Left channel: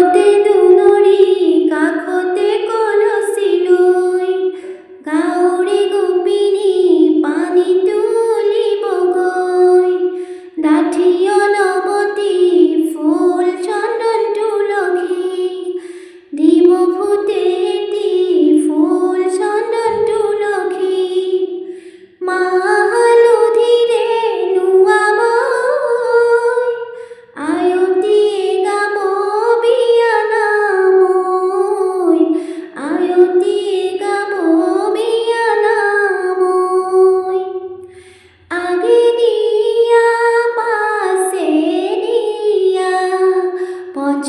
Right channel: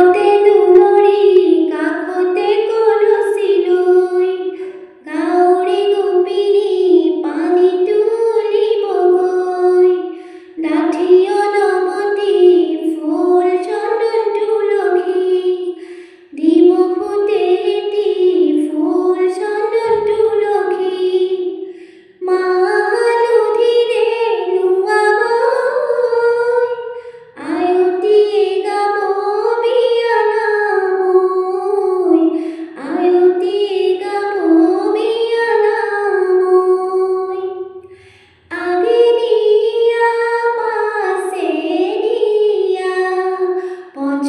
কাষতে দুলৰি কাষতে কলচি লৈ গাঁৱৰে গোপিনী পানী তুলিবগৈ ডাঠি অলপতি ফুল চন্দন তুলসী দিব ফুটেটি ফুল চন্দন তুলসী মাহ হালধিৰে নোৱাবই আয়তীয়ে গাব বিয়ানাম ঐ আয়তীয়ে গাব বিয়ানাম ঐ আগে দিয়া পাছে দিয়া পঞ্চ